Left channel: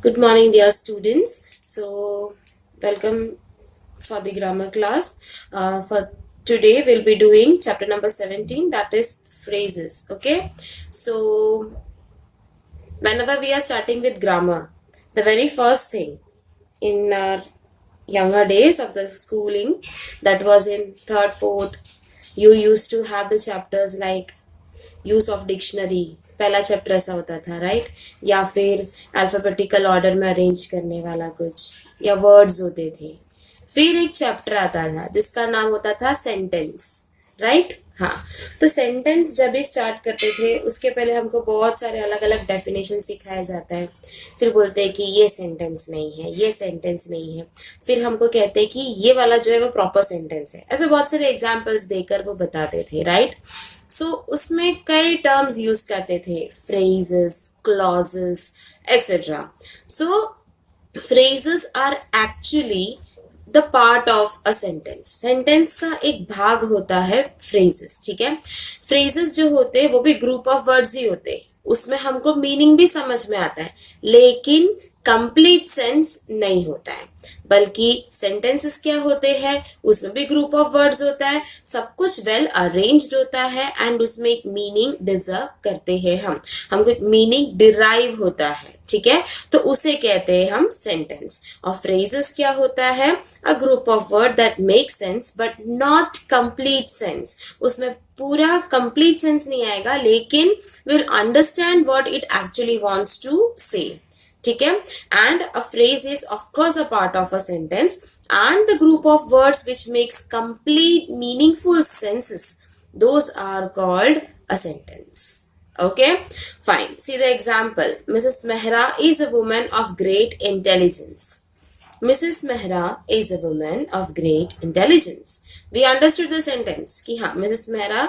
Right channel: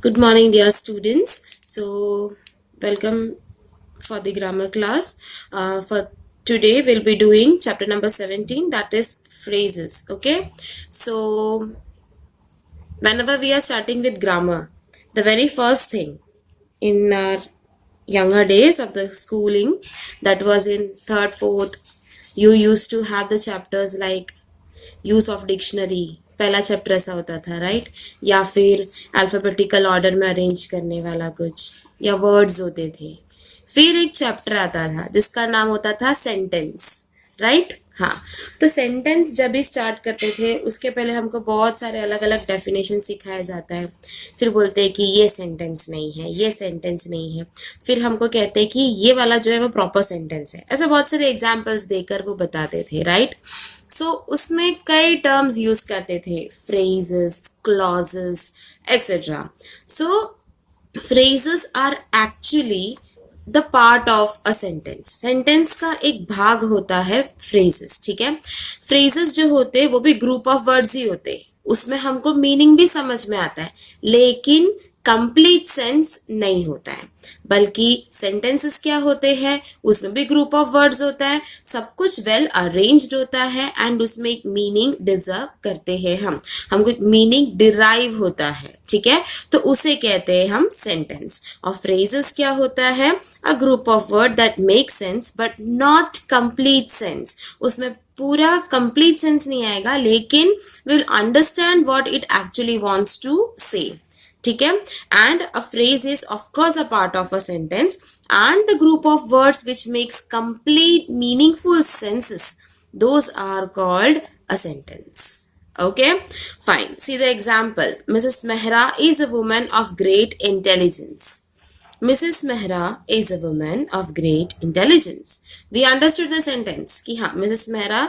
Good morning, dear students. So, welcome for the grammar class. For today, we'll be doing chapter number 17, that is phrases. Okay. So, whenever we are starting with grammar, the very first thing in our younger days of the schooling, that was in third, fourth, you used to have the chapters like use of dictionary, पहला chapter ऐसा होता था, right? या फिर alphabetical order में arrange करने वाला कुछ, या वर्ड्स होते थे. फिर एक चैप्टर आता था जिसका नाम होता था सेंटेंस, राइट? हाँ. तो सेंटेंस जब भी स्टार्ट करते थे उसके पहले हमको बहुत सारे अलग अलग डेफिनेशन सिखाया जाता है. फिर बोलते हैं कि ये सेंटेंस नहीं है, ये सेंटेंस नहीं है. फिर हमको कहते हैं कि ये वाला जो है वो प्रॉपर सेंटेंस है. ऐसे बहुत सारे एग्जाम्पल्स देकर वो बताते थे, राइट? सो उसमें कई टर्म्स यूज करते थे, phrases, clauses, etcetera. So phrases are actually the part of a sentence. Sentence का एक भाग होता है फ्रेजेस, ठीक है? फ्रेजेस जो होते हैं वो भी ग्रुप ऑफ वर्ड्स ही होते हैं. उसमें हमको मीनिंग भी समझ में आता है लेकिन कंप्लीट सेंस नहीं होता है. बल्कि सेंटेंसेस क्या होते हैं, उसमें भी ग्रुप ऑफ वर्ड्स होता है, सब कुछ वेल अरेंज्ड होता है एंड उसमें एक मीनिंग डिजर्व करते हैं. हमको एक मीनिंग डिराइव होता है, ठीक है? तो उसे कहते हैं हम सेंटेंस. और फ्रेजेस क्या होता है, a group of word that make sense but not complete sense. उसमें पूरा कंप्लीट सेंस नहीं आएगा लेकिन will understand what it actually wants to say, ठीक है? And a phrase is of course a part of a sentence and the group of words which makes complete meaningful senses, those are called a sentence. Okay, fine. See the example. Mrs. Mehra is a woman of great intelligence. Mrs. Mehra is a woman of great intelligence. We understood the sentence कि हाँ Mrs. Mehra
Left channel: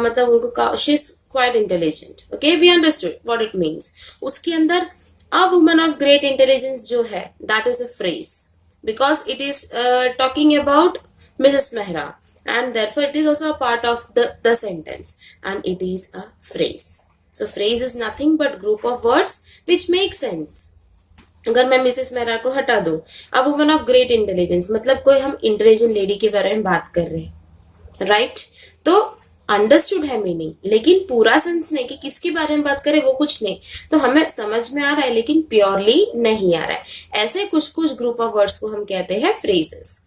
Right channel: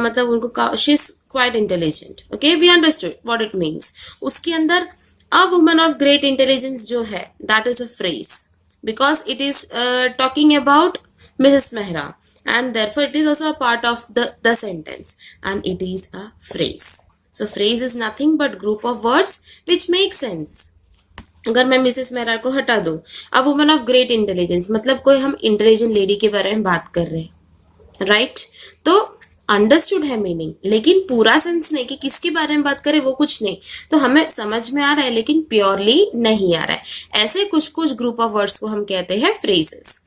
मतलब उनको she is quite intelligent. Okay, we understood what it means. उसके अंदर a woman of great intelligence जो है that is a phrase because it is talking about Mrs. Mehra and therefore it is also a part of the sentence and it is a phrase. So phrase is nothing but group of words which make sense. अगर मैं Mrs Mehra को हटा दूं, अ woman of great intelligence मतलब कोई हम intelligent lady के बारे में बात कर रहे हैं, राइट? तो अंडरस्टूड है मीनिंग लेकिन पूरा सेंस नहीं कि किसके बारे में बात करें वो कुछ नहीं. तो हमें समझ में आ रहा है लेकिन प्योरली नहीं आ रहा है. ऐसे कुछ कुछ ग्रुप ऑफ वर्ड्स को हम कहते हैं phrases.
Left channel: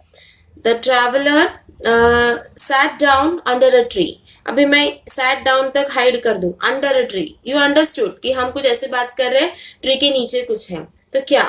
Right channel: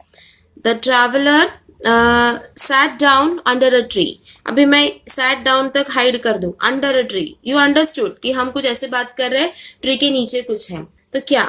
The traveller sat down under a tree. अभी मैं sat down तक हाइड कर दूं, under a tree. You understood कि हम कुछ ऐसे बात कर रहे हैं, ट्री के नीचे कुछ है. तो क्या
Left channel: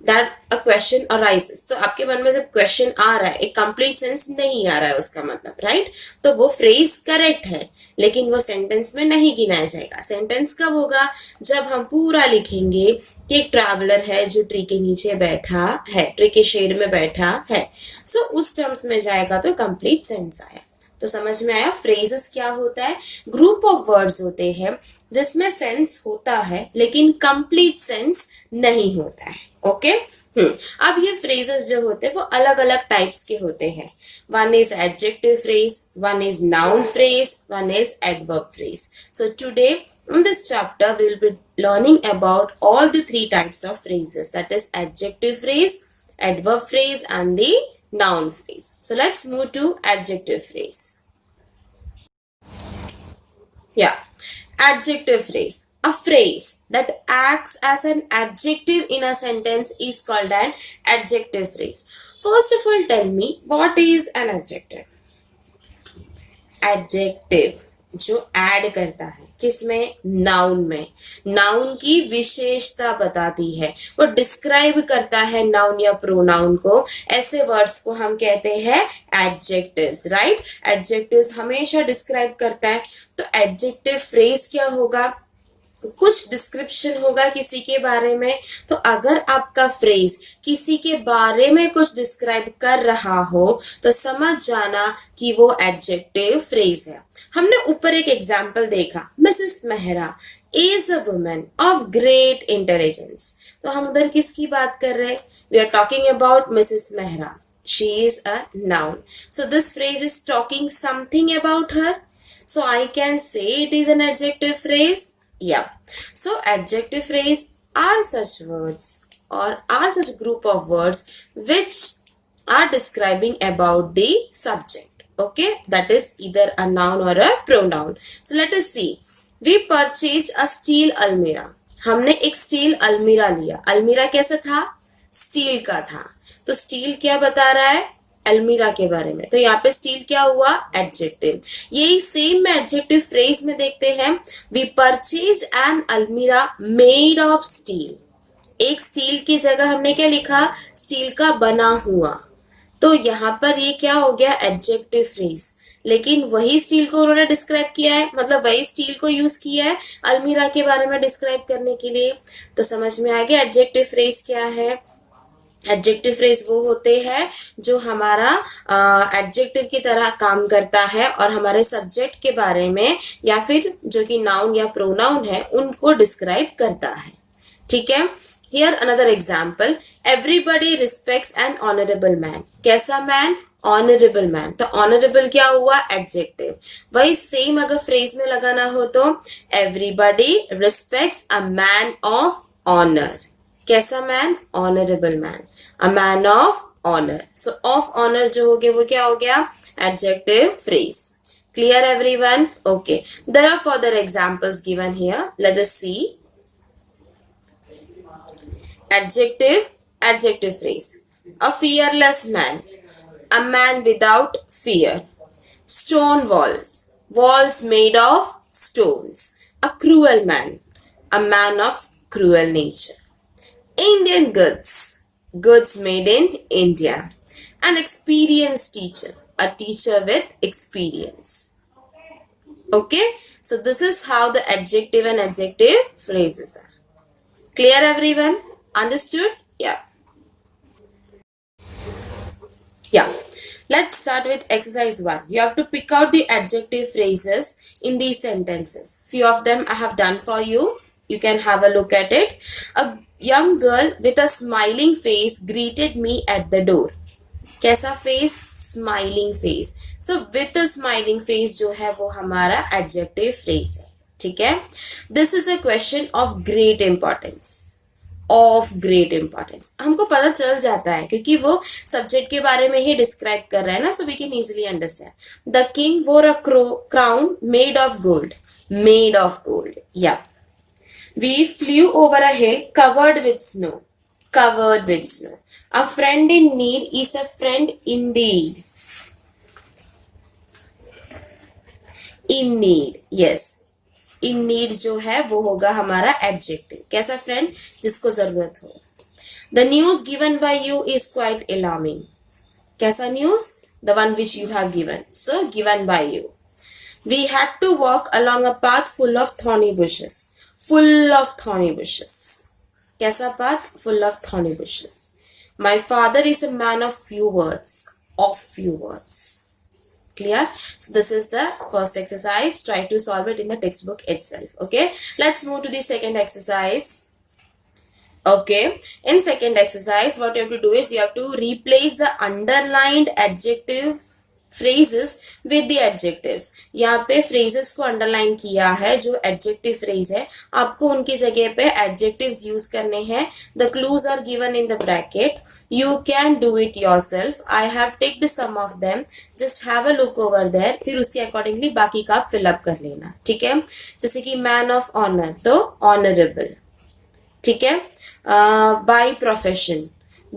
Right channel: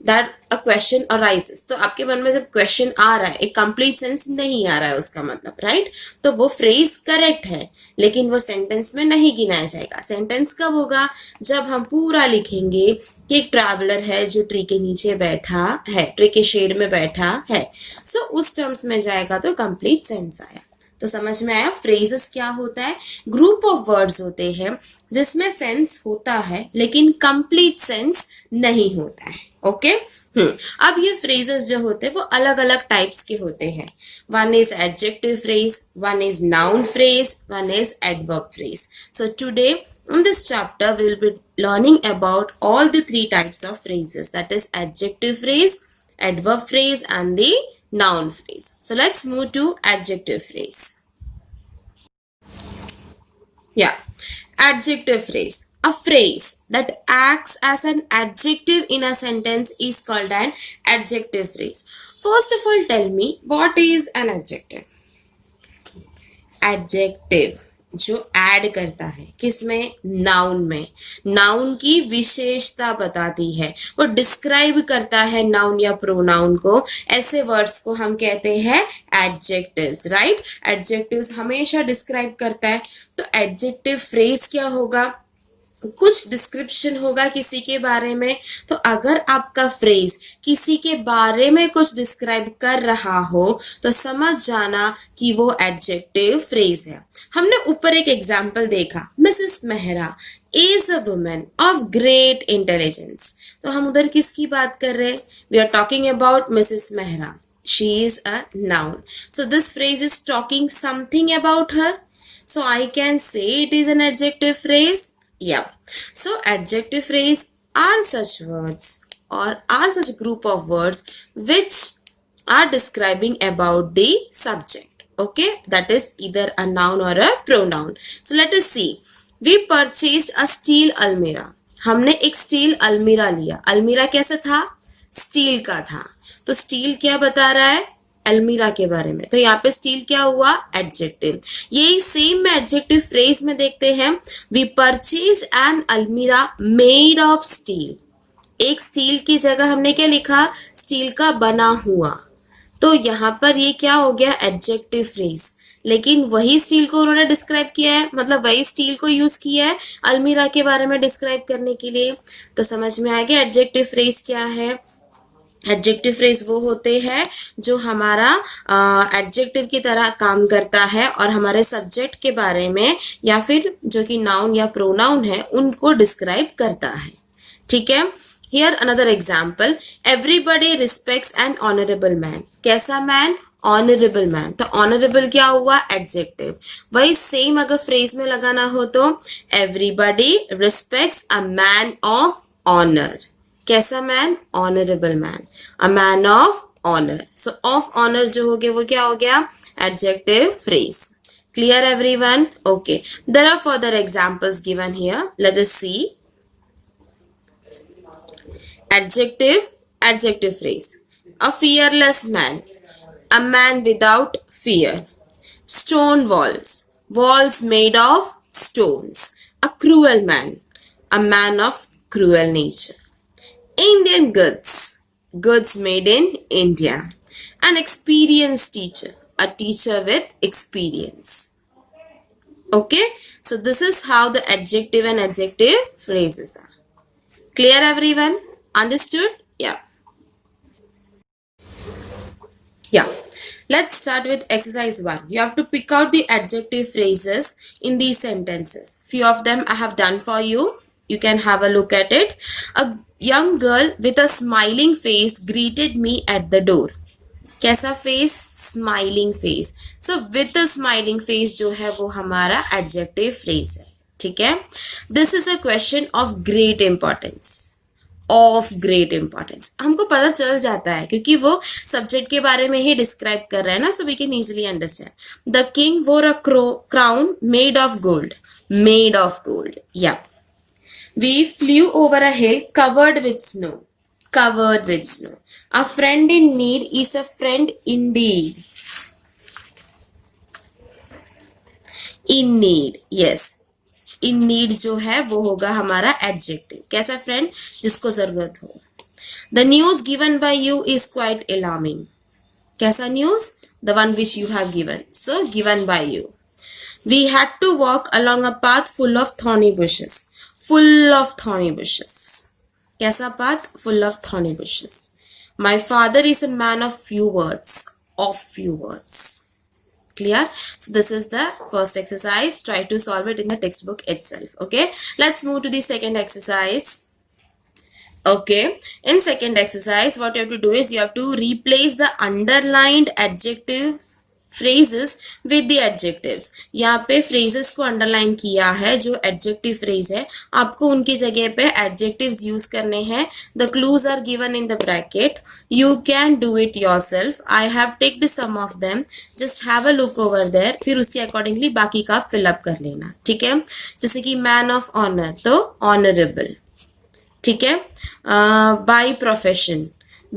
दैट अ क्वेश्चन अराइजेस. तो आपके मन में जब क्वेश्चन आ रहा है, एक कंप्लीट सेंस नहीं आ रहा है उसका मतलब, राइट? तो वो फ्रेज करेक्ट है लेकिन वो सेंटेंस में नहीं गिनाया जाएगा. सेंटेंस कब होगा, जब हम पूरा लिखेंगे कि एक ट्रैवलर है जो ट्री के नीचे बैठा है, ट्री के शेड में बैठा है. सो उस टर्म्स में जाएगा तो कंप्लीट सेंस आया. तो समझ में आया फ्रेजेस क्या होता है? ग्रुप ऑफ वर्ड्स होते हैं जिसमें सेंस होता है लेकिन कंप्लीट सेंस नहीं होता है. ओके. अब ये फ्रेजेस जो होते हैं वो अलग अलग टाइप्स के होते हैं. One is adjective phrase, one is noun phrase, one is adverb phrase. So today in this chapter we will be learning about all the three types of phrases, that is adjective phrase, adverb phrase and the noun phrase. So let's move to adjective phrase. Yeah, adjective phrase. A phrase that acts as an adjective in a sentence is called an adjective phrase. First of all, tell me what is an adjective? Adjective जो add करता है किसमें, noun में. Noun की विशेषता बताती है, वो डिस्क्राइब करता है नाउन या प्रोनाउन को. ऐसे वर्ड्स को हम कहते हैं एडजेक्टिव्स, राइट? एडजेक्टिव्स हमेशा डिस्क्राइब करता है. तो एडजेक्टिव फ्रेज क्या होगा, कुछ डिस्क्रिप्शन होगा किसी के बारे में. तो अगर आपका फ्रेज किसी के बारे में कुछ डिस्क्राइब कर रहा हो तो समझ जाना कि वो एडजेक्टिव फ्रेज है. हमने ऊपर एक एग्जाम्पल देखा, Mrs Mehra is a woman of great intelligence. तो हम उधर किसकी बात कर रहे हैं, we are talking about Mrs Mehra. She is a noun. So this phrase is talking something about her. So I can say it is an adjective phrase. Yeah. So adjective phrase are such words or are such group of words which are describing about the subject. Okay, that is either a noun or a pronoun. So let us see. We purchased a steel almirah. हमने एक steel अलमीरा लिया. अलमीरा कैसा था? Steel का था. तो स्टील क्या बता रहा है? अलमीरा के बारे में. तो यहाँ पे स्टील क्या हुआ? एडजेक्टिव. यही सेम में एडजेक्टिव फ्रेज में देखते हैं. वी परचेज एन अलमीरा मेड ऑफ स्टील. एक स्टील की जगह हमने क्या लिखा? स्टील का बना हुआ. तो यहाँ पर ये क्या हो गया? Adjective phrase. लेकिन वही स्टील को उन्होंने डिस्क्राइब किया है, मतलब वही स्टील को यूज किया है अलमीरा के बारे में डिस्क्राइब करने के लिए. तो समझ में आ गया एडजेक्टिव फ्रेज क्या है. एडजेक्टिव फ्रेज वो होते हैं जो हमारा एडजेक्टिव की तरह काम करता है और हमारे सब्जेक्ट के बारे में या फिर जो कि नाउन या प्रोनाउन है उनको डिस्क्राइब करता है. ठीक है. Here another example. Everybody respects an honorable man. कैसा man? Honorable man. तो honorable क्या हुआ? Adjective. वही same अगर phrase में लगाना हो तो everybody respects a man of honor. कैसा man? Honorable man. A man of honor. So of honor जो हो गया वो क्या हो गया? Adjective phrase. Clear everyone? Okay. There are further examples given here. Let us see. Adjective phrase. A fearless man. A man without fear. Stone walls. Walls made of stones. A cruel man. A man of cruel nature. Indian goods. Goods made in India. An experienced teacher. A teacher with experience. Okay. So this is how the adjective and adjective phrases are. Clear everyone? Understood? Yeah. Yeah. Let's start with exercise 1. You have to pick out the adjective phrases in these sentences. Few of them I have done for you. You can have a look at it. A young girl with a smiling face greeted me at the door. कैसा face? Smiling face. So with a smiling face जो है वो हमारा adjective phrase है. ठीक है. This is a question of great importance. Of great importance. हमको पता चल जाता है क्योंकि वो सब्जेक्ट के बारे में ही डिस्क्राइब कर रहा है ना. So we can easily understand. The king wore a crown made of gold. Made of gold. Yeah. We flew over a hill covered with snow. Covered with snow. A friend in need is a friend indeed. In need. Yes. In need जो है वो होगा हमारा adjective. कैसा friend? जिसको जरूरत हो. The news given by you is quite alarming. कैसा news? The one which you have given. So given by you. We had to walk along a path full of thorny bushes. Full of thorny bushes. कैसा path? Full of thorny bushes. My father is a man of few words. Of few words. Clear? So this is the first exercise. Try to solve it in the textbook itself. Okay. Let's move to the second exercise. Okay. In second exercise, what you have to do is you have to replace the underlined adjective phrases with the adjectives. यहाँ पे phrases को underline किया है जो adjective phrase है. आपको उनकी जगह पे adjectives use करने हैं. The clues are given in the bracket. You can do it yourself. I have ticked some of them. Just have a look over there. फिर उसके accordingly बाकी का आप fill up कर लेना. ठीक है. जैसे कि man of honor तो honorable. ठीक है. By profession.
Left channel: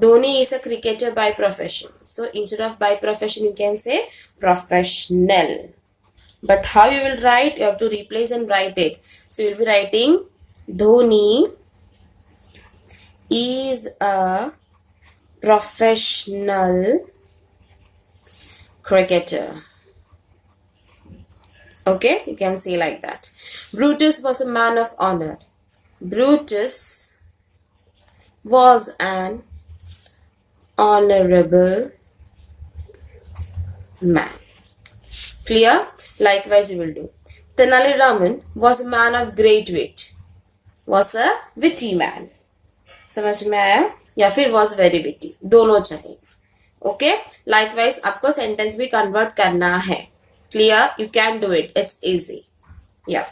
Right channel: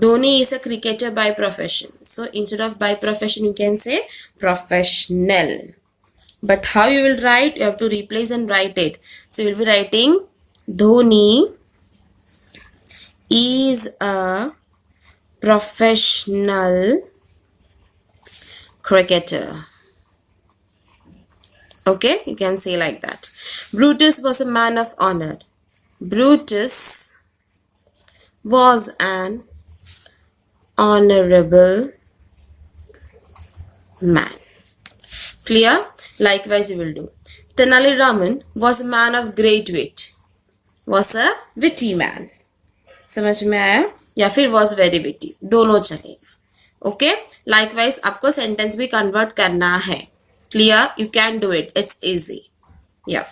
Dhoni is a cricketer by profession. So instead of by profession, you can say professional. But how you will write? You have to replace and write it. So you will be writing Dhoni is a professional cricketer. Okay, you can say like that. Brutus was a man of honor. Brutus was an honorable man. Clear? Likewise you will do. Tenali Raman was a man of great wit. Was a witty man. समझ में आया? या फिर was very witty. दोनों चाहिए. Okay? Likewise आपको sentence भी convert करना है. Clear? You can do it. It's easy. Yeah.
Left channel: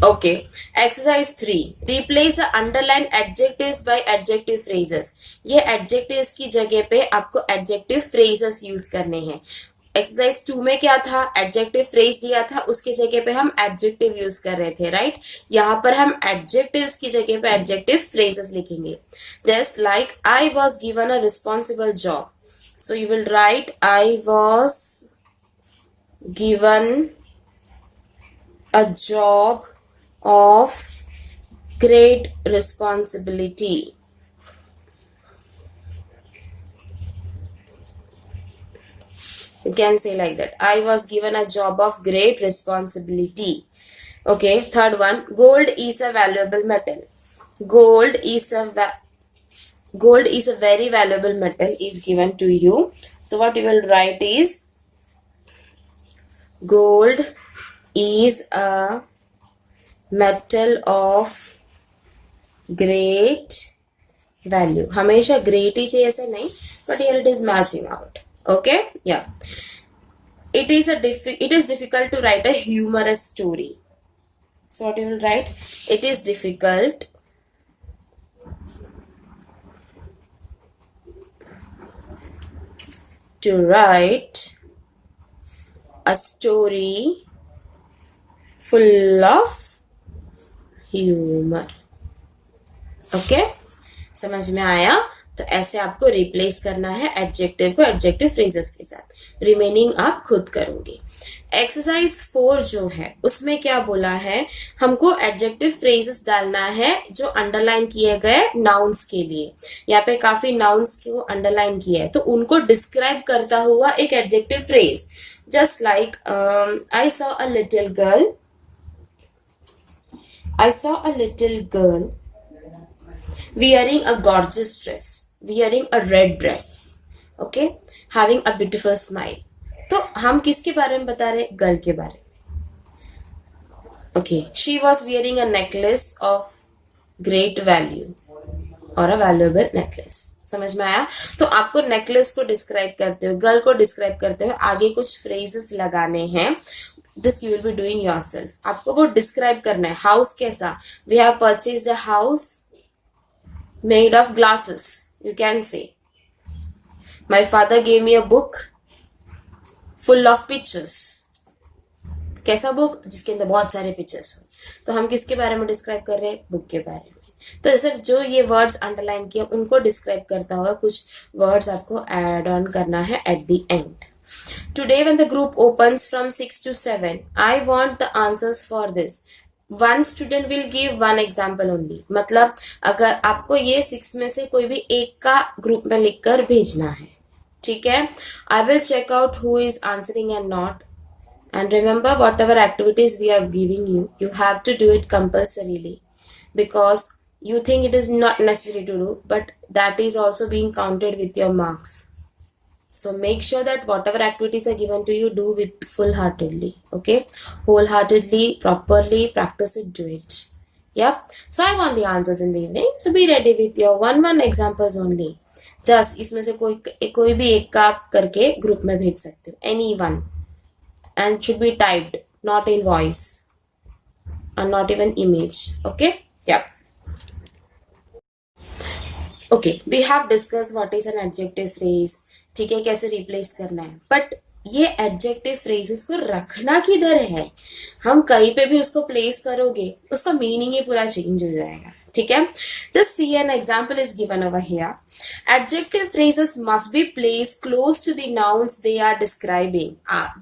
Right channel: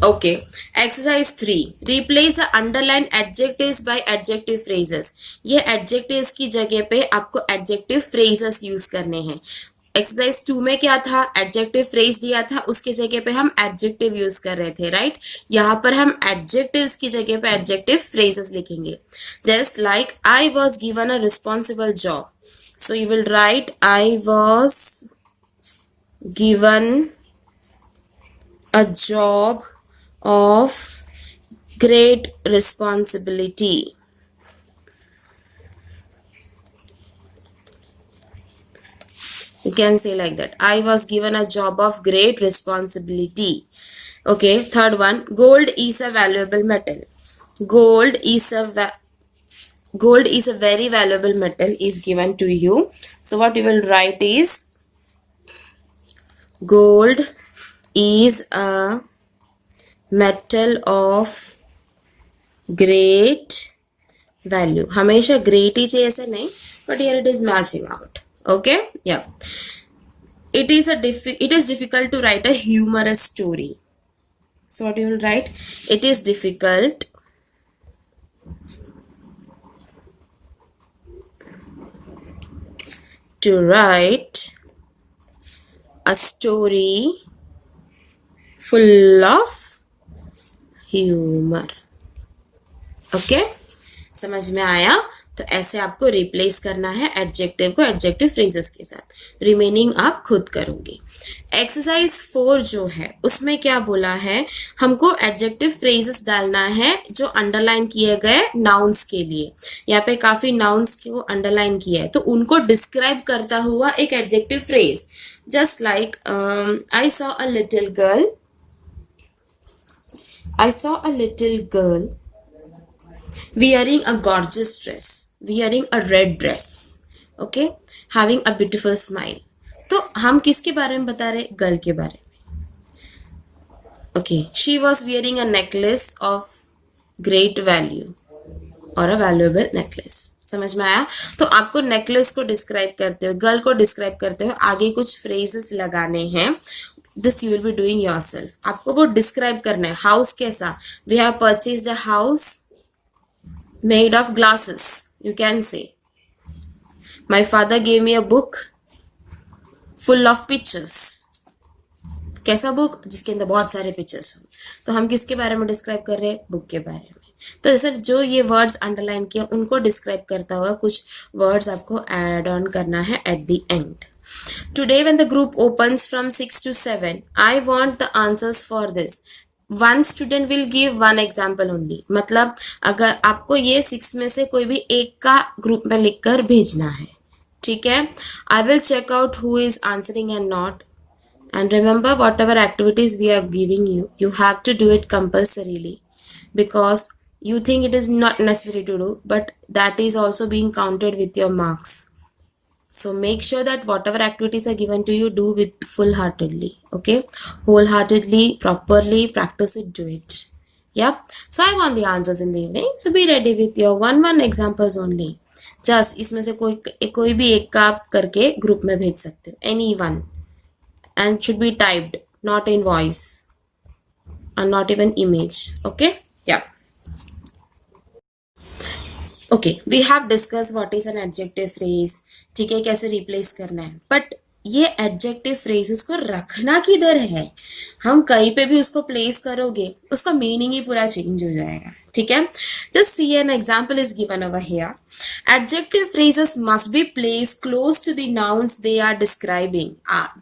Okay, exercise 3, replace the underlined adjectives by adjective phrases. ये adjectives की जगह पे आपको adjective phrases यूज करने हैं. एक्सरसाइज 2 में क्या था, एडजेक्टिव फ्रेज दिया था, उसके जगह पे हम एडजेक्टिव यूज कर रहे थे, राइट. यहाँ पर हम एडजेक्टिव्स की जगह पे एडजेक्टिव फ्रेजेस लिखेंगे. Just like I was given a responsible job, so you will right I was given a job of great responsibility. You can say like that. I was given a job of great responsibility. Okay, third one. Gold is a valuable metal. Gold is a gold is a very valuable metal is given to you. So what you will write is gold is a metal of great value. हमेशा great ही चाहिए ऐसा नहीं, but here it is matching out. Okay, yeah. It is difficult to write a humorous story. So what you will write? It is difficult to write a story full of humor. Okay, समझ में आया. तो ऐसे आपको replace करना है adjective को adjective phrases के साथ. रिमेनिंग आप खुद करोगे. एक्सरसाइज 4 जो है उसमें क्या बोला है, हमको एडजेक्टिव फ्रेजेस डालना है जो अंडरलाइन किए गए नाउन्स के लिए. यहाँ पे काफी नाउन्स को अंडरलाइन किया है, तो उनको डिस्क्राइब करता हुआ एक adjective phrase. Just like I saw a little girl. I saw a little girl wearing a gorgeous dress, wearing a red dress, okay, having a beautiful smile. तो हम किसके बारे में बता रहे, गर्ल के बारे में. Okay, she was wearing a necklace of great value और a valuable necklace. समझ में आया. तो आपको नेकलेस को डिस्क्राइब करते हुए, गर्ल को डिस्क्राइब करते हुए आगे कुछ फ्रेजेस लगाने हैं. This you will be doing yourself. आपको वो डिस्क्राइब करना है. हाउस कैसा, we have purchased a house made of glasses. You can say my father gave me a book full of pictures. कैसा बुक, जिसके अंदर बहुत सारे पिक्चर्स हो. तो हम किसके बारे में डिस्क्राइब कर रहे हैं, बुक के बारे में. तो सर जो ये वर्ड्स अंडरलाइन किए उनको डिस्क्राइब करता हुआ कुछ वर्ड्स आपको ऐड ऑन करना है at the end. Today when the group opens from 6 to 7, I want the answers for this. One student will give one example only. मतलब अगर आपको ये 6 में से कोई भी एक का ग्रुप में लिखकर भेजना है, ठीक है. I will check out who is answering and not. And remember, whatever activities we are giving you, you have to do it compulsorily, because you think it is not necessary to do, but that is also being counted with your marks. So make sure that whatever activities are given to you, do with full-heartedly, okay? Wholeheartedly, properly, practice it, do it. Yeah. So I want the answers in the evening. So be ready with your one examples only. Just इसमें से कोई भी एक का आप करके group में भेज सकते हो. Any one. And should be typed, not in voice. And not even image. Okay? Yeah. Okay, we have discussed what is an adjective phrase. ठीक है, कैसे रिप्लेस करना है. बट ये एडजेक्टिव फ्रेजेस को रखना किधर है, हम कहीं पे भी उसको प्लेस करोगे उसका मीनिंग ही पूरा चेंज हो जाएगा. ठीक है. Just see an example is given over here. Adjective phrases must be place close to the nouns they are describing.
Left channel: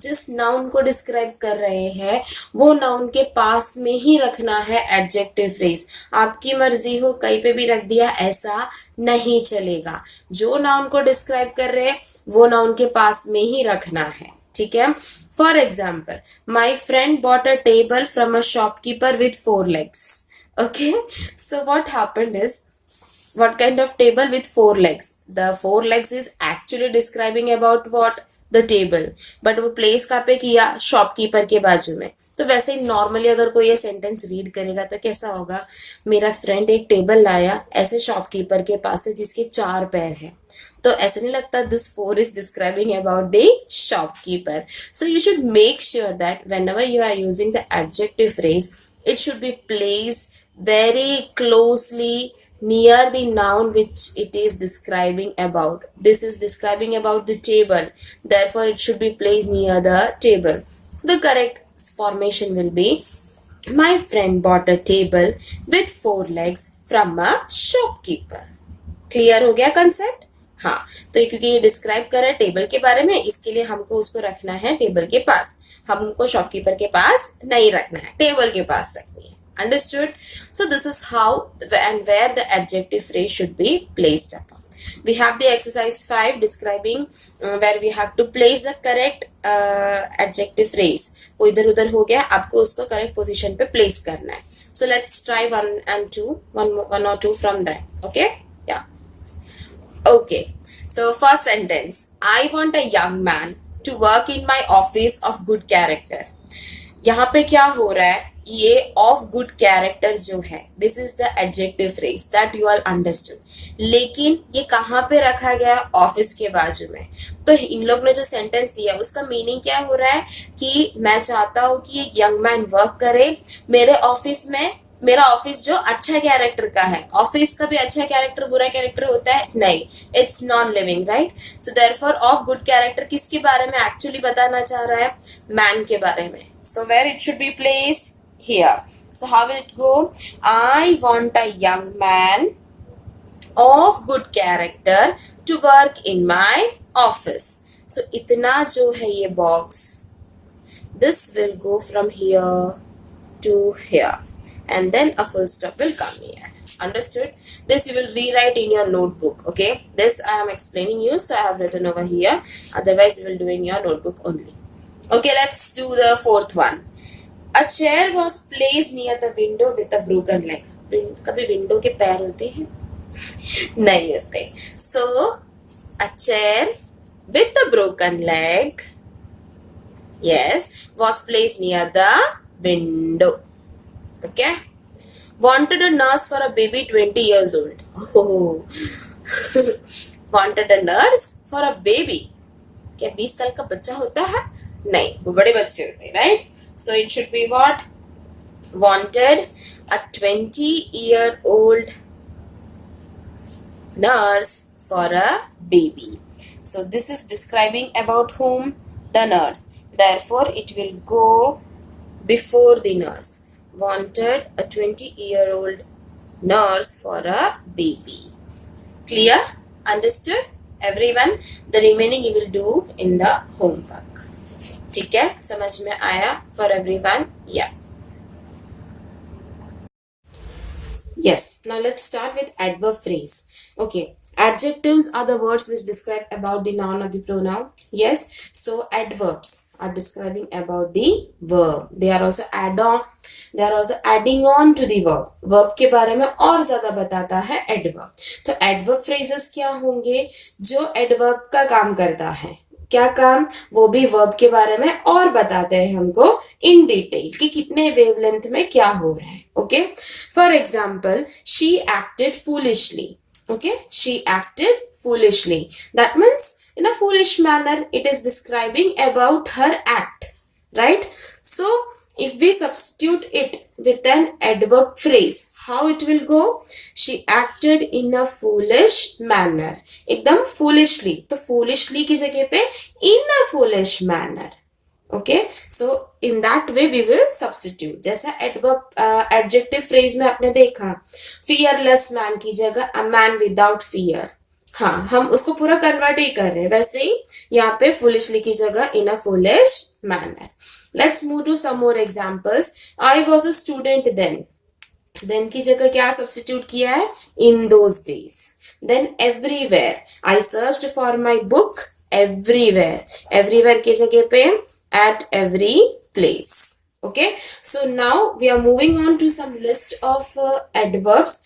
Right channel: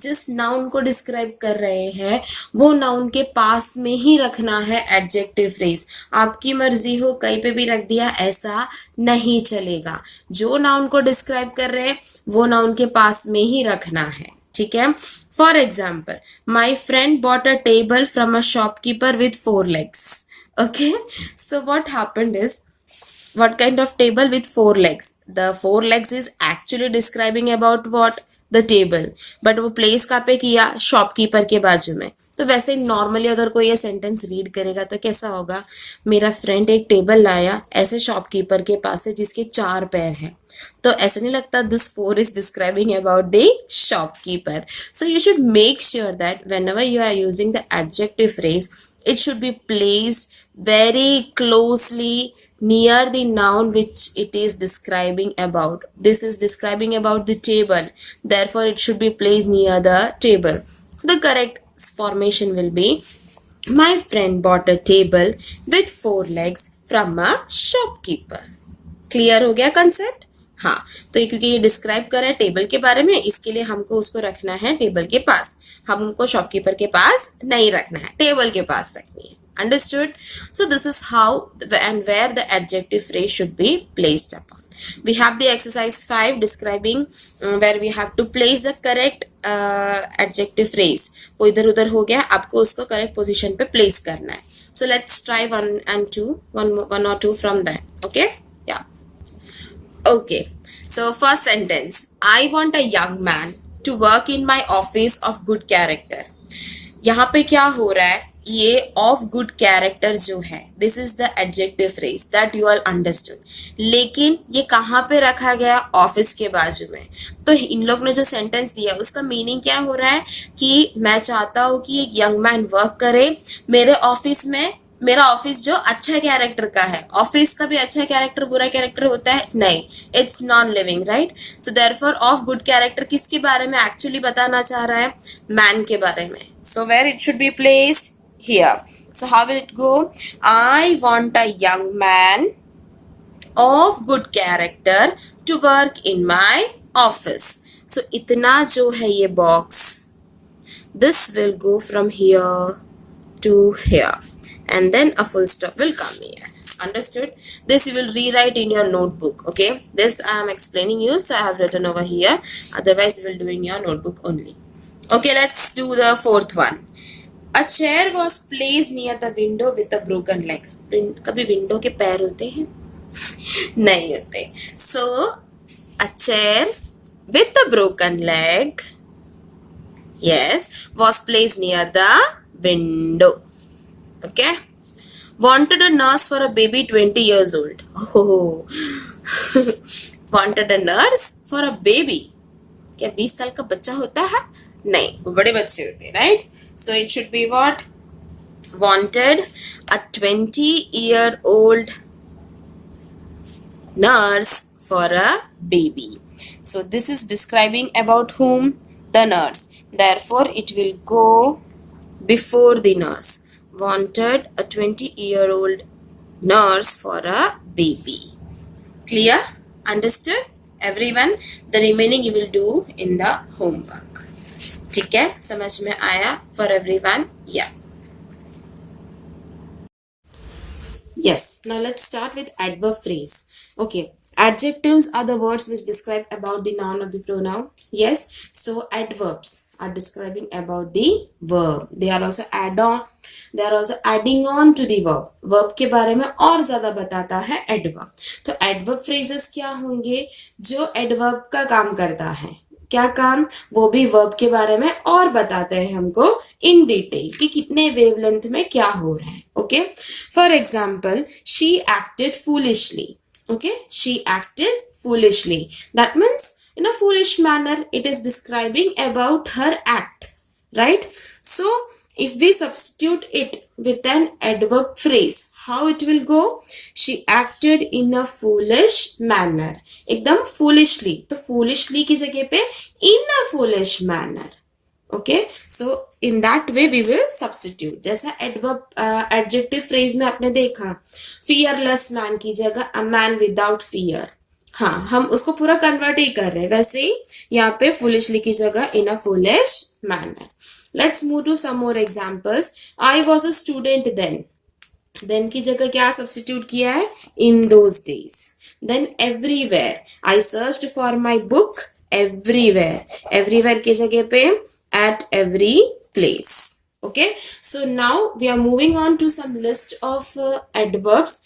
जिस नाउन को डिस्क्राइब कर रहे हैं वो नाउन के पास में ही रखना है एडजेक्टिव फ्रेज. आपकी मर्जी हो कहीं पे भी रख दिया, ऐसा नहीं चलेगा. जो नाउन को डिस्क्राइब कर रहे हैं वो नाउन के पास में ही रखना है. ठीक है. For example, my friend bought a table from a shopkeeper with 4 legs. Okay, so what happened is, what kind of table with 4 legs? The 4 legs is actually describing about what? The table. But वो place कहाँ पे किया, shopkeeper के बाजू में. तो वैसे ही normally अगर कोई ये सेंटेंस रीड करेगा तो कैसा होगा, मेरा फ्रेंड एक टेबल लाया ऐसे शॉपकीपर के पास है जिसके 4 पैर हैं. तो ऐसा नहीं लगता this 4 is describing about the shopkeeper. So you should make sure that whenever you are using the adjective phrase, it should be placed very closely near the noun which it is describing about. This is describing about the table, therefore it should be placed near the table. So the correct formation will be, my friend bought a table with 4 legs from a shopkeeper. Clear हो गया concept? हाँ, तो ये क्योंकि ये describe कर रहा है टेबल के बारे में, इसके लिए हमको उसको रखना है टेबल के पास. हम उनको शॉपकीपर के पास नहीं रखना है, टेबल के पास रखनी है. Understood? So this is how and where the adjective phrase should be placed upon. We have the exercise 5 describing where we have to place the correct adjective phrase. वो इधर उधर हो गया, आपको उसको correct position पे place करना है. So let's try one or two from that. Okay? Yeah. Okay. So first sentence, I want a young man to work in my office of good character. यहाँ पे क्या हो रहा है, ये ऑफ गुड कैरेक्टर जो है, this is the adjective phrase that you all understood. लेकिन ये कहाँ पे रखा गया, ऑफिस के बाजू में. तो इन लोग ने जो सेंटेंस दिया उसका मीनिंग क्या हो रहा है कि मैं चाहता हूँ कि एक यंग मैन वर्क करे मेरे ऑफिस में. मेरा ऑफिस जो अच्छा कैरेक्टर का है, ऑफिस का भी अच्छा कैरेक्टर बुरा कैरेक्टर होता है नहीं, it's non living, right. So therefore of good character किसके बारे में एक्चुअली बताना चाह रहा है, मैन के बारे में. So where it should be placed, here. So how will it go? I want a young man of good character to work in my office. So itna jo hai ye box, this will go from here to here and then a full stop will come here. Understood? This you will rewrite in your notebook. Okay, this I am explaining you, so I have written over here, otherwise you will do in your notebook only. Okay, let's do the fourth one. A chair was placed near the window with a broken leg. कभी window के पैर होते हैं? नहीं होते. So a chair with a broken leg, yes, was placed near the window. Okay. Wanted a nurse for a baby 20 years old. Oh. Wanted a nurse for a baby. क्या 20 साल का बच्चा होता है? नहीं, वो बड़े बच्चे होते हैं, right? So it should be what? Wanted a 20-year-old nurse for a baby. So this is describing about whom? The nurse. Therefore it will go before the nurse. Wanted a 20-year-old nurse for a baby. Clear? Understood? Everyone? The remaining you will do in the homework. ठीक है, समझ में आया for everyone? Yeah. Yes. Now let's start with adverb phrase. Okay. Adjectives are the words which describe about the noun or the pronoun. Yes. So adverbs are describing about the verb. They are also They are also adding on to the verb. Verb के बारे में और ज्यादा बताता है adverb. तो adverb phrases क्या होंगे, जो adverb का काम करता है. क्या काम, वो भी वर्ब के बारे में और बताते हैं हमको इन डिटेल कि कितने वेवलेंथ में क्या हो रहा है. Okay, for example, she acted foolishly. Okay, she acted foolishly, that means in a foolish manner. It is describing about her act, right? So if we substitute it with an adverb phrase, how it will go? She acted in a foolish manner. एकदम foolishly. तो foolishly की जगह पे in a foolish manner. Okay, so in that way we will substitute. जैसा adjective phrase में आपने देखा, fearless man की जगह a man without fear. हाँ, हम उसको पूरा कन्वर्ट ही कर रहे हैं. वैसे ही यहाँ पे foolishly की जगह in a foolish manner. Let's move to some more examples. I was a student then. Then की जगह क्या सब्स्टिट्यूट किया है? In those days. Then everywhere. I searched for my book everywhere. Everywhere की जगह पे at every place. Okay. So now we are moving on to some list of adverbs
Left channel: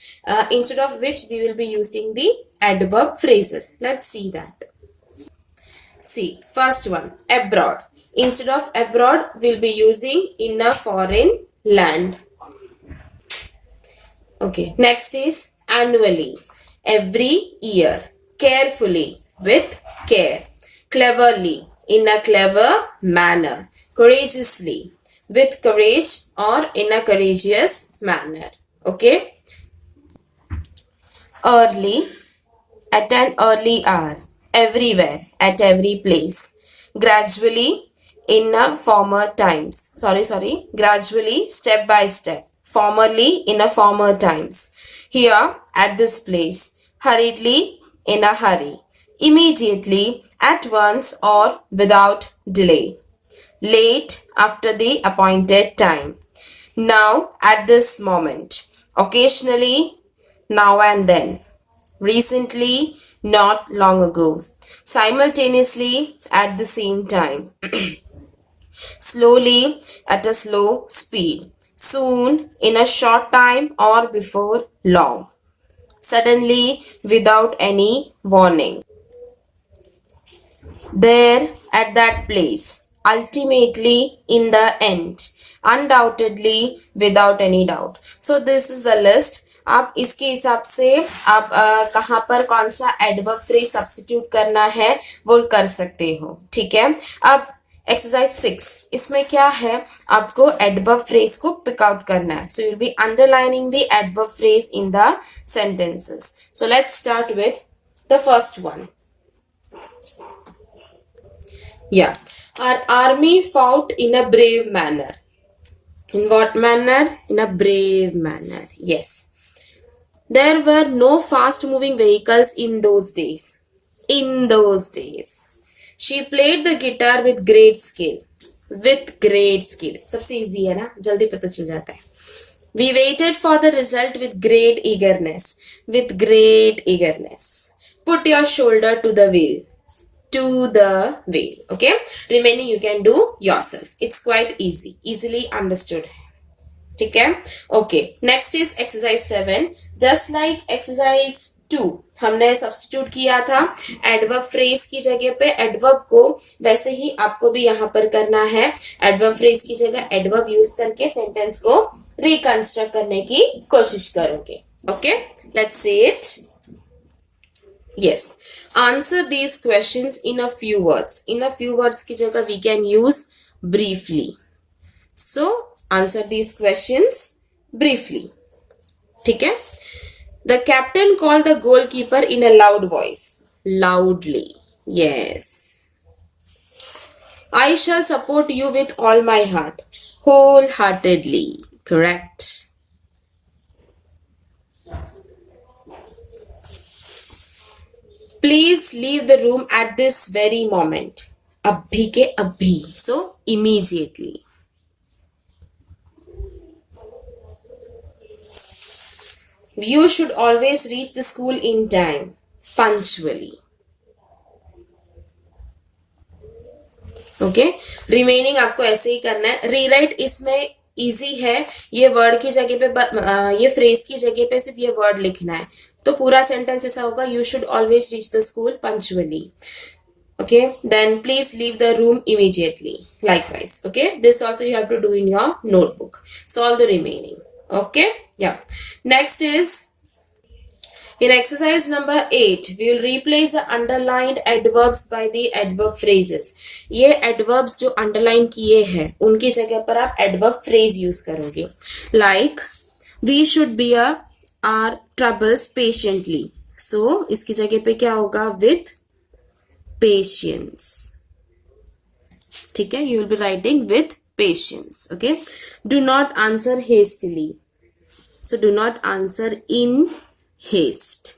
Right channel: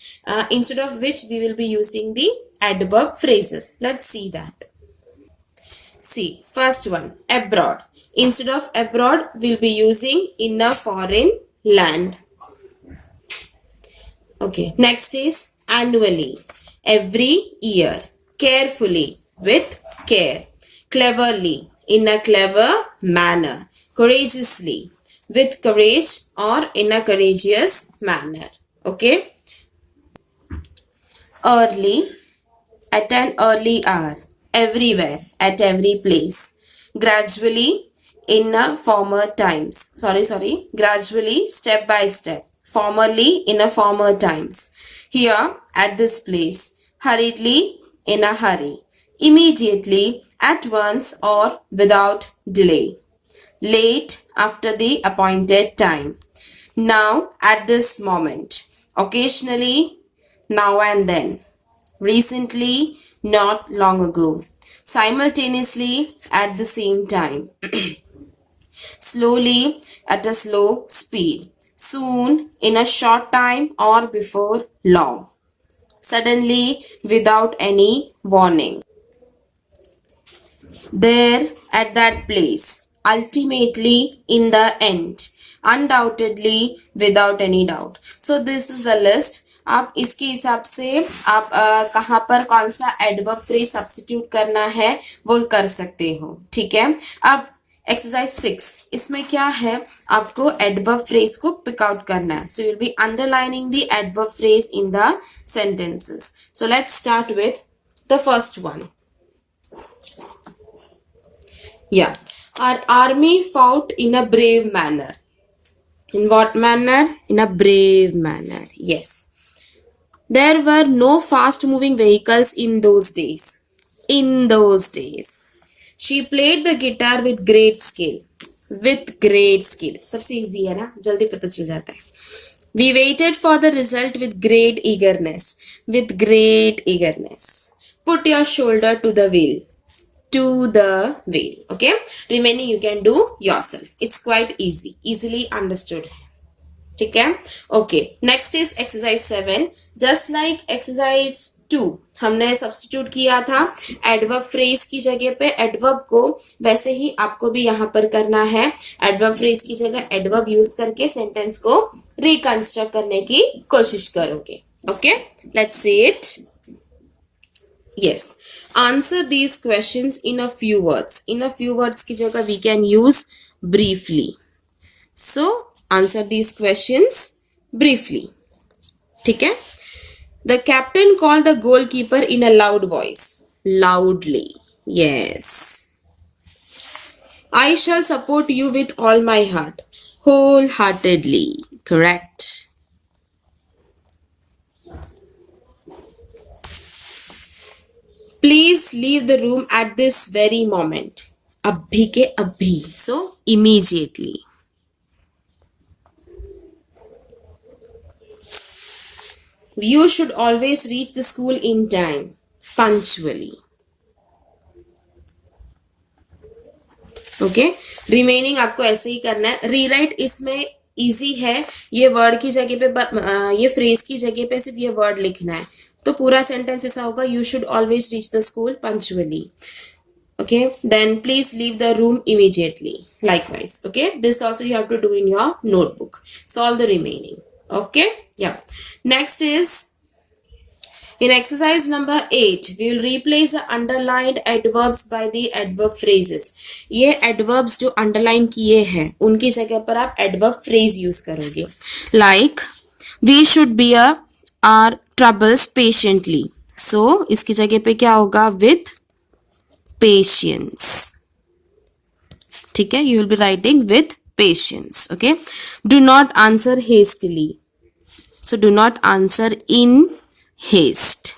instead of which we will be using the adverb phrases. Let's see that. See, first one, abroad. Instead of abroad, we'll be using in a foreign land. Okay, next is annually, every year, carefully, with care, cleverly, in a clever manner, courageously, with courage or in a courageous manner. Okay. Early, at an early hour, everywhere, at every place. Gradually, in a former times. Gradually, step by step. Formerly, in a former times. Here, at this place. Hurriedly, in a hurry. Immediately, at once, or without delay. Late, after the appointed time. Now, at this moment. Occasionally, now and then. Recently, not long ago. Simultaneously, at the same time. Slowly, at a slow speed. Soon, in a short time, or before long. Suddenly, without any warning. There, at that place. Ultimately, in the end. Undoubtedly, without any doubt. So this is the list. आप इसके हिसाब से आप कहाँ पर कौन सा adverb phrase substitute करना है वो कर सकते हो. ठीक है. अब एक्सरसाइज 6 इसमें क्या है, आपको एडवर्ब फ्रेज को पिक आउट करना है. So you will B underlining the adverb phrase in the sentences. So let's start with the first one. Yeah, our army fought in a brave manner. In what manner? In a brave manner. Yes. There were no fast moving vehicles in those days. In those days. She played the guitar with great skill. With great skill. सबसे easy है ना, जल्दी पता चल जाता है. We waited for the result with great eagerness. With great eagerness. Put your shoulder to the wheel. To the wheel. Okay. Remaining you can do yourself. It's quite easy. Easily understood. ठीक है. Okay. Next is exercise 7. Just like exercise 2 हमने substitute किया था adverb phrase की जगह पे adverb को, वैसे ही आपको भी यहाँ पर करना है. एडवर्ब फ्रेज की जगह एडवर्ब यूज करके सेंटेंस को रिकंस्ट्रक्ट करने की कोशिश करोगे. Okay. Let's see it. Yes. Answer these questions in a few words. In a few words की जगह we can use briefly. So, answer these questions briefly. ठीक है? The captain called the goalkeeper in a loud voice. Loudly. Yes. I shall support you with all my heart. Wholeheartedly. Correct. Please leave the room at this very moment. Abhi ke abhi. So, immediately. You should always reach the school in time. Punctually. Okay. Remaining आपको ऐसे ही करना है. Rewrite इसमें easy है. ये word की जगह पे, ये phrase की जगह पे सिर्फ ये word लिखना है. तो पूरा सेंटेंस ऐसा होगा, you should always reach the school punctually. Okay, then please leave the room immediately. Likewise. Okay, this also you have to do in your notebook. Solve the remaining. Okay, yeah. Next is in exercise number 8, we will replace the underlined adverbs by the adverb phrases. ये adverbs जो underline किए हैं उनकी जगह पर आप adverb phrase use करोगे. Like we should bear our troubles patiently. So इसकी जगह पे क्या होगा, with patience. ठीक है, you will be writing with patience. Okay. Do not answer hastily. So do not answer in haste.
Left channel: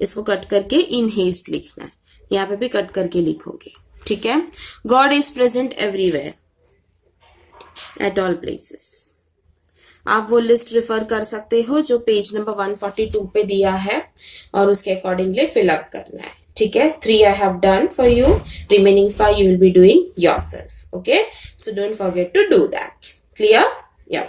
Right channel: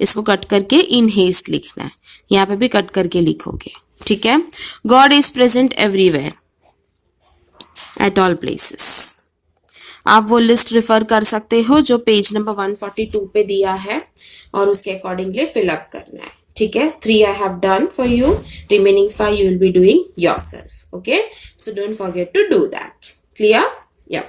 इसको कट करके in haste लिखना है. यहाँ पे भी कट करके लिखोगे. ठीक है. God is present everywhere. At all places. आप वो लिस्ट रिफर कर सकते हो जो पेज नंबर 142 पे दिया है और उसके अकॉर्डिंगली फिल अप करना है. ठीक है. 3 I have done for you. Remaining 5 you will be doing yourself. Okay. So don't forget to do that. Clear? Yeah.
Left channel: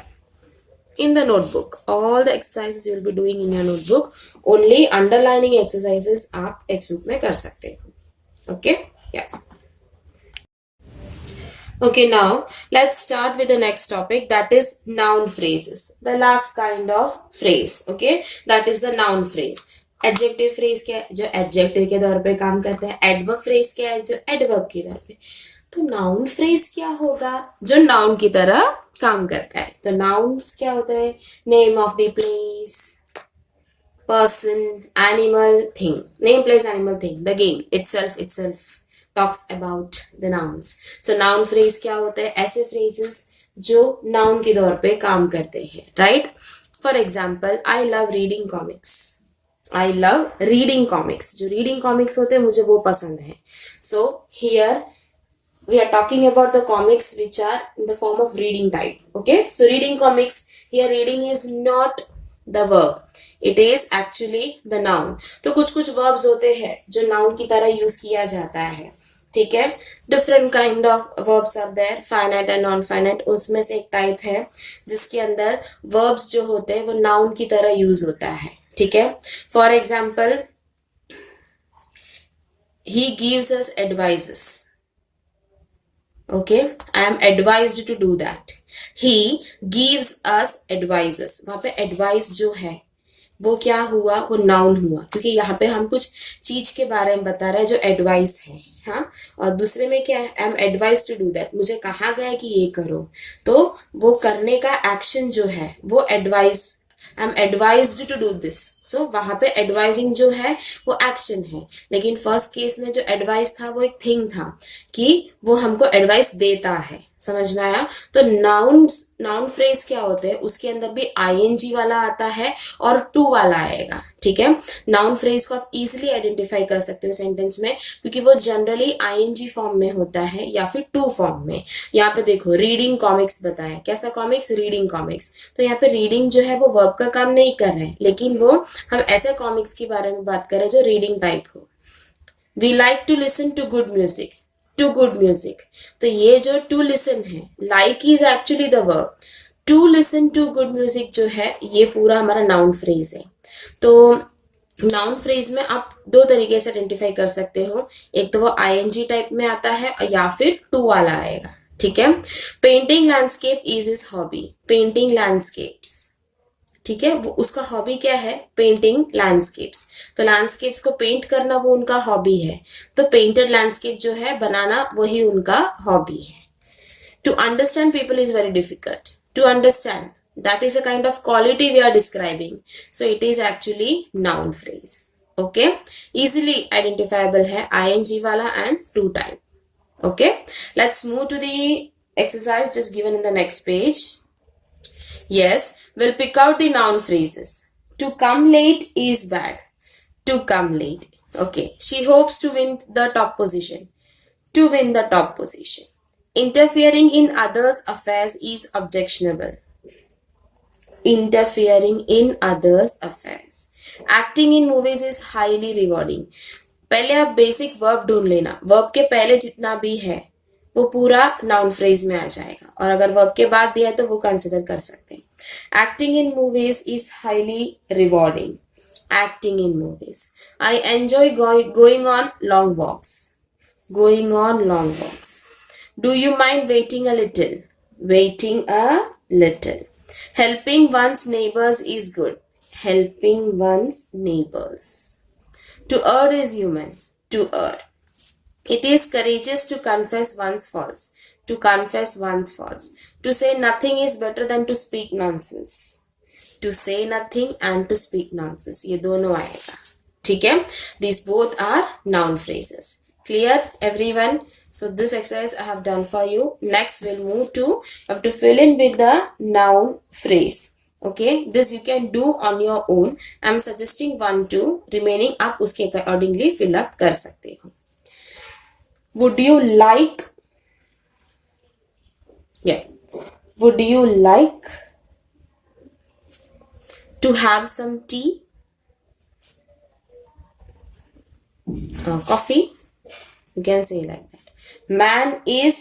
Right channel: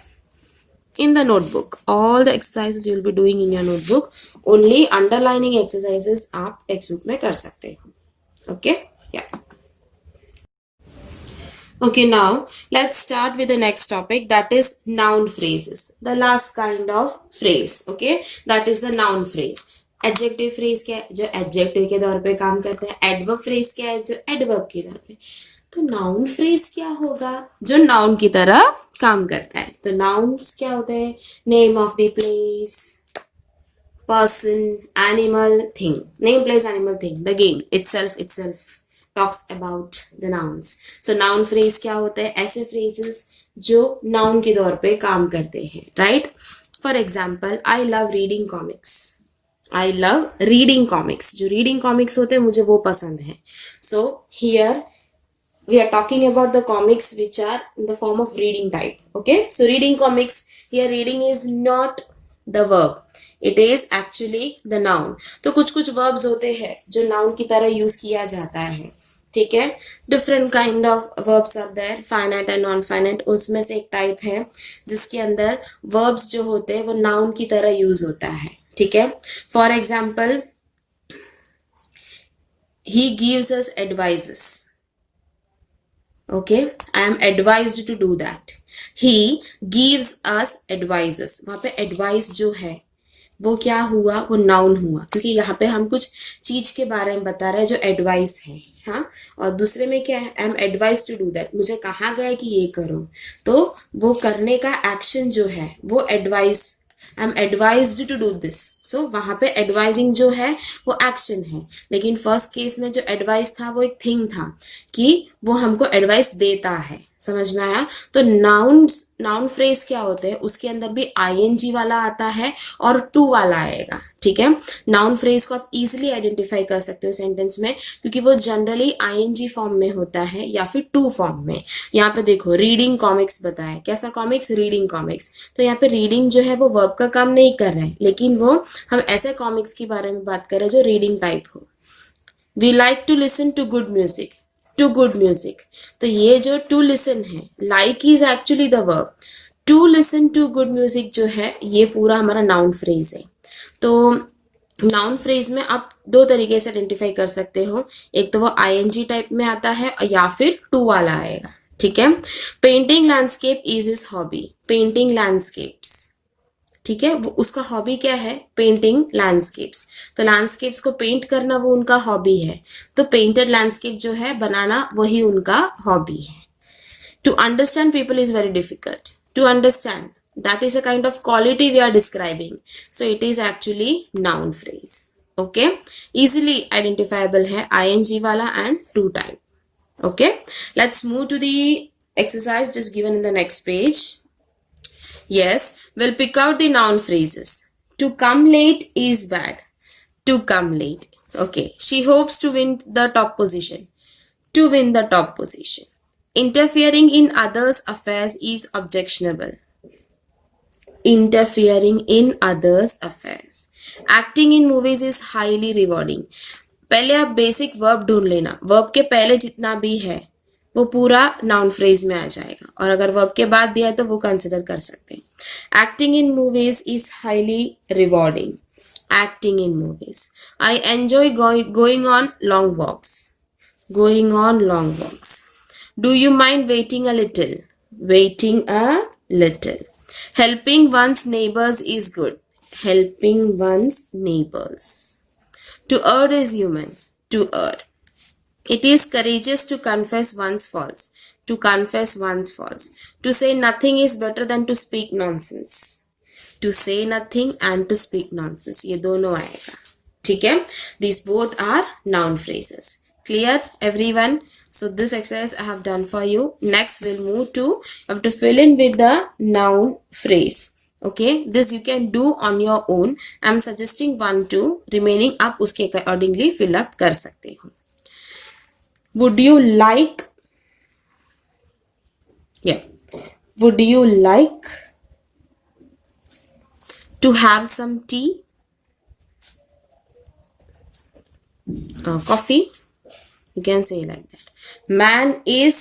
In the notebook. All the exercises you will be doing in your notebook. Only underlining exercises आप text book में कर सकते हो. Okay. Yeah. Okay, now let's start with the next topic, that is noun phrases. The last kind of phrase. Okay, that is the noun phrase. Adjective phrase क्या है, जो adjective के तौर पे काम करते हैं. Adverb phrase क्या है, जो adverb के तौर पे. तो noun phrase क्या होगा, जो noun की तरह काम करता है। तो नाउन्स क्या होते हैं? Name of the place, person, animal, thing. Name, place, animal, thing. The game itself talks about the nouns. So noun phrase क्या होते हैं? ऐसे phrases जो noun के तौर पे काम करते हैं, right? For example, I love reading comics. I love reading comics. जो reading comics होते हैं मुझे वो पसंद है. So here we are talking about the comics which are in the form of reading type. Okay, so reading comics, here reading is not the verb, it is actually the noun. तो कुछ कुछ verbs होते हैं जो noun की तरह use किया जाता है, ठीक है? Different kind of verbs are there, finite and non finite. उसमें से एक टाइप है जिसके अंदर verbs जो होते हैं वो noun की तरह यूज होता है, ठीक है? For example, he gives us advices. Okay, I am advised to do that. He gives us advices. वहां पे advice जो है वो क्या हुआ? वो noun हुआ, क्योंकि यहाँ पे हम कुछ चीज के बारे में बता रहे हैं जो advice है, हाँ? और दूसरे में क्या है? I am advised to do that. मुझे कहा गया कि ये करो, तो वो करने का action जो है वो advice, I am advised to do this. So वहां पे advising जो है वो action है, लेकिन फर्स्ट केस में जो advice था वो एक thing था कि वो हमको advice देता है. समझ में आया? तो नाउन फ्रेज क्या होते हैं? उसके अंदर भी ing वाला आता है और टू वाला आएगा, ठीक है? नाउन फ्रेज को आप इजिली आइडेंटिफाई कर सकते हो सेंटेंस में, क्योंकि वो जनरली ing फॉर्म में होता है या फिर टू फॉर्म में. यहाँ पे देखो रीडिंग कॉमिक्स बताया, कैसा कॉमिक्स? Reading comics. तो यहाँ पे रीडिंग जो है वो वर्ब का काम नहीं कर रहे हैं, लेकिन वो हम ऐसे कॉमिक्स के बारे में बात कर रहे हैं जो रीडिंग टाइप हो. We like to listen to good music, to good music. तो ये जो टू लिसन है, like is actually the verb. To listen to good music जो है ये पूरा हमारा नाउन फ्रेज है. तो नाउन फ्रेज में आप दो तरीके से आइडेंटिफाई कर सकते हो, एक तो वो ing टाइप में आता है या फिर टू वाला आएगा, ठीक है? Painting landscape is his hobby. Painting landscapes, ठीक है? वो उसका हॉबी क्या है? Painting landscapes. तो लैंडस्केप्स को पेंट करना वो उनका हॉबी है, तो पेंटेड लैंडस्केप जो है बनाना वही उनका हॉबी है. To understand people is very difficult. To understand, that is a kind of quality we are describing, so it is actually noun phrase. Okay, easily identifiable hai ing wala and to type. Okay, let's move to the exercise just given in the next page. Yes, we'll pick out the noun phrases. To come late is bad. To come late. Okay, she hopes to win the top position. To win the top position. Interfering in others' affairs is objectionable. Interfering in others' affairs. Acting in movies is highly rewarding. पहले आप basic verb ढूंढ लेना, verb के पहले जितना भी है वो पूरा नाउन फ्रेज में आ जाएगा, और अगर वर्ब के बाद दिया है तो वो कंसिडर कर सकते हैं. Acting in movies is highly rewarding. Acting in movies. I enjoy going on long walks. Going on long walks. Do you mind waiting a little. Waiting a little. Helping one's neighbors is good. Helping one's neighbors. To err is human. To err. It is courageous to confess one's faults. To confess one's faults. To say nothing is better than to speak nonsense. To say nothing and to speak nonsense. ये दोनों आएगा, ठीक है? These both are noun phrases. Clear, everyone? So this exercise I have done for you. Next we'll move to, you have to fill in with the noun phrase. Okay, this you can do on your own. I am suggesting 1, 2. Remaining आप उसके accordingly fill up कर सकते हो. Would you like? Yeah. Would you like to have some tea? Coffee? You can say like that. Man is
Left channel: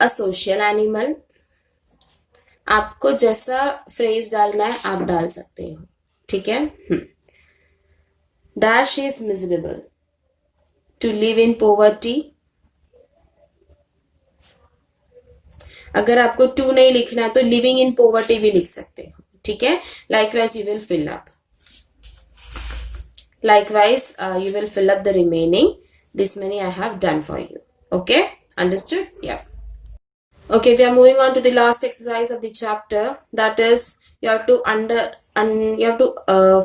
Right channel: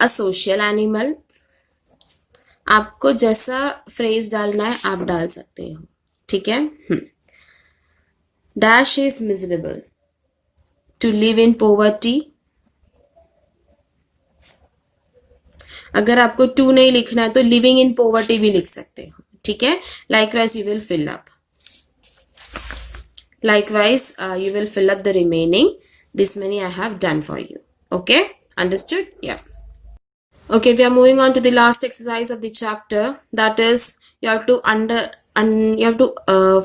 a social animal. आपको जैसा phrase डालना है आप डाल सकते हो, ठीक है? Dash is miserable. To live in poverty. अगर आपको टू नहीं लिखना है तो लिविंग इन पोवर्टी भी लिख सकते हो, ठीक है? Likewise you will fill up. Likewise, you will fill up the remaining. This many I have done for you. Okay, understood? Yeah. Okay, we are moving on to the last exercise of the chapter. That is, you have to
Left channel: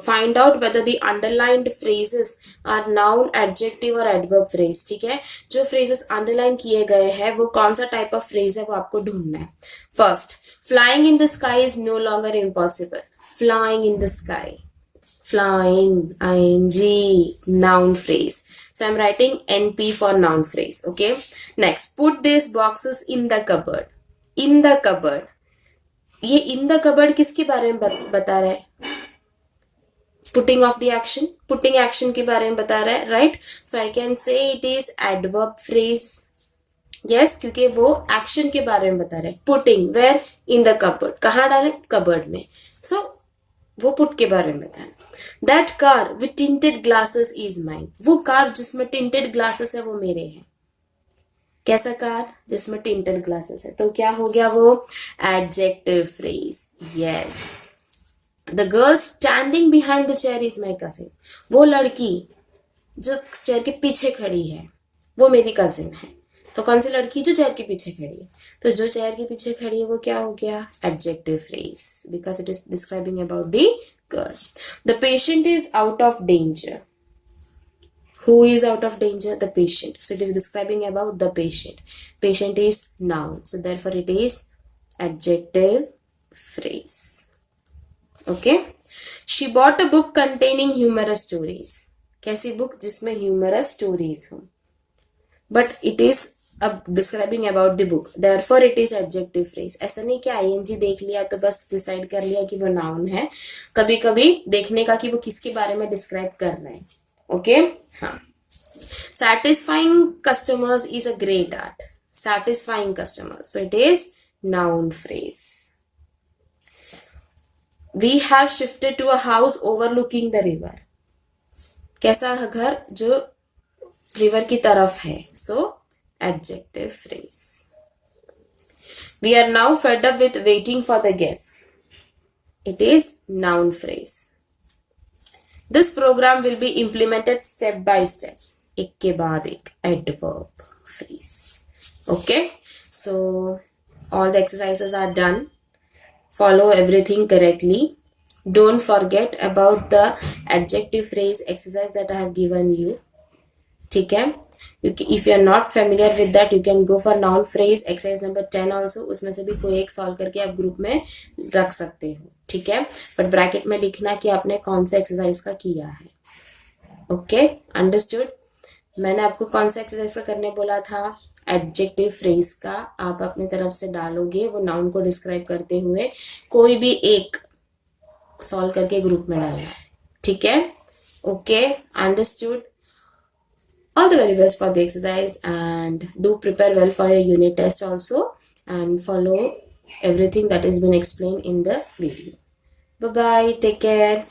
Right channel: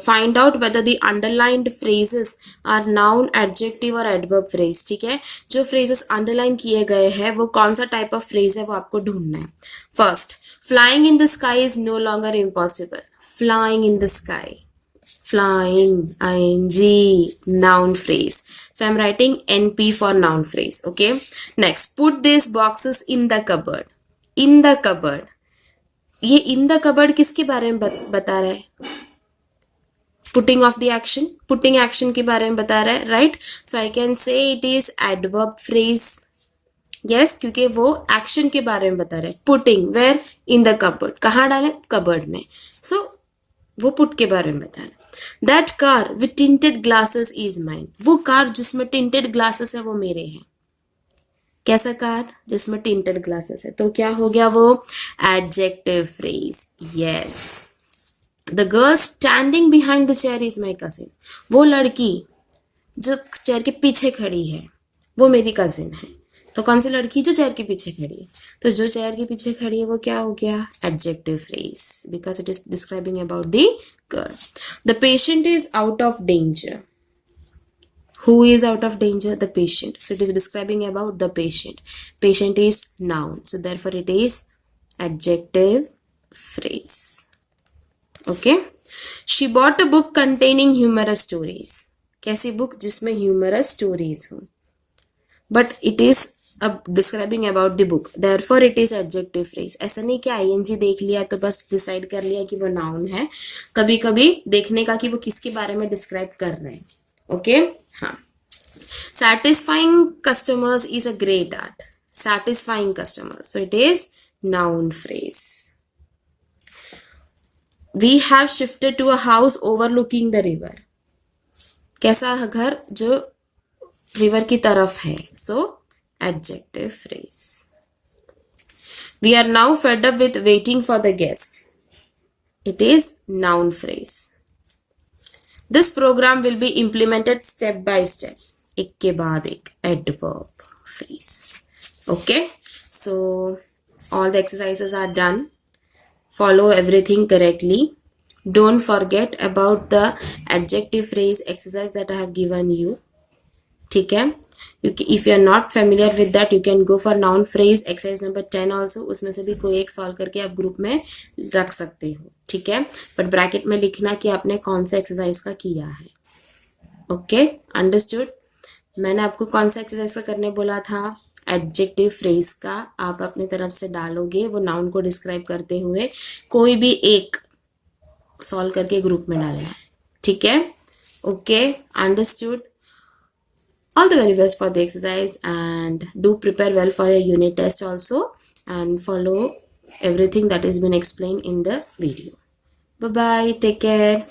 find out whether the underlined phrases are noun, adjective or adverb phrase. ठीक है, जो phrases underline किए गए हैं वो कौन सा type of phrase है वो आपको ढूंढना है. First, flying in the sky is no longer impossible. Flying in the sky. Flying, ing, noun phrase. So I'm writing NP for noun phrase. Okay. Next, put these boxes in the cupboard. In the cupboard. ये in the cupboard किसके बारे में बता रहा है? Putting of the action. Putting action के बारे में बता रहा है, right? So I can say it is adverb phrase. Yes, क्योंकि वो action के बारे में बता रहा है. Putting where? In the cupboard. कहाँ डालें? Cupboard में. So वो put के बारे में बता रहा है. That car with tinted glasses is mine. वो कार जिसमें tinted glasses है वो मेरे हैं. कैसा कार? जिसमें tinted glasses है. तो क्या हो गया वो? Adjective phrase. Yes. The girl standing behind the chair is my cousin. वो लड़की जो चेयर के पीछे खड़ी है वो मेरी कजिन है. तो कौन सी लड़की? जो चेयर के पीछे खड़ी है. तो जो चेयर के पीछे खड़ी है वो क्या हो गया? Adjective phrase, because it is describing about the girl. The patient is out of danger. Who is out of danger? The patient. So it is describing about the patient. Patient is noun. So therefore it is adjective phrase. Okay. She bought a book containing humorous stories. कैसी book? जिसमें humorous stories हो. But it is describing about the book. Therefore it is adjective phrase. ऐसा नहीं कि ing देख लिया तो बस डिसाइड कर लिया कि वो नाउन है. कभी कभी देखने का कि वो किसके बारे में डिस्क्राइब कर रहे हैं. ओके. हाँ. Satisfying customers is a great art. Satisfying customers. So it is noun phrase. We have shifted to a house overlooking the river. कैसा घर? जो रिवर की तरफ है. So adjective phrase. We are now fed up with waiting for the guest. It is noun phrase. This program will be implemented step by step. एक के बाद एक adverb phrase. Okay. So all the exercises are done. Follow everything correctly. Don't forget about the adjective phrase exercise that I have given you. ठीक है. If you are not familiar with that, you can go for noun phrase exercise number 10 also. उसमें से भी कोई एक solve करके आप group में रख सकते हो. ठीक है. बट ब्रैकेट में लिखना कि आपने कौन सा एक्सरसाइज का किया है. ओके. अंडरस्टूड. मैंने आपको कौन सा एक्सरसाइज का करने बोला था? एडजेक्टिव फ्रेज का आप अपनी तरफ से डालोगे. वो नाउन को डिस्क्राइब करते हुए कोई भी एक सॉल्व करके ग्रुप में डालना है. ठीक है. Okay. Understood. All the very best for the exercise, and do prepare well for your unit test also, and follow everything that has been explained in the video. Bye bye. Take care.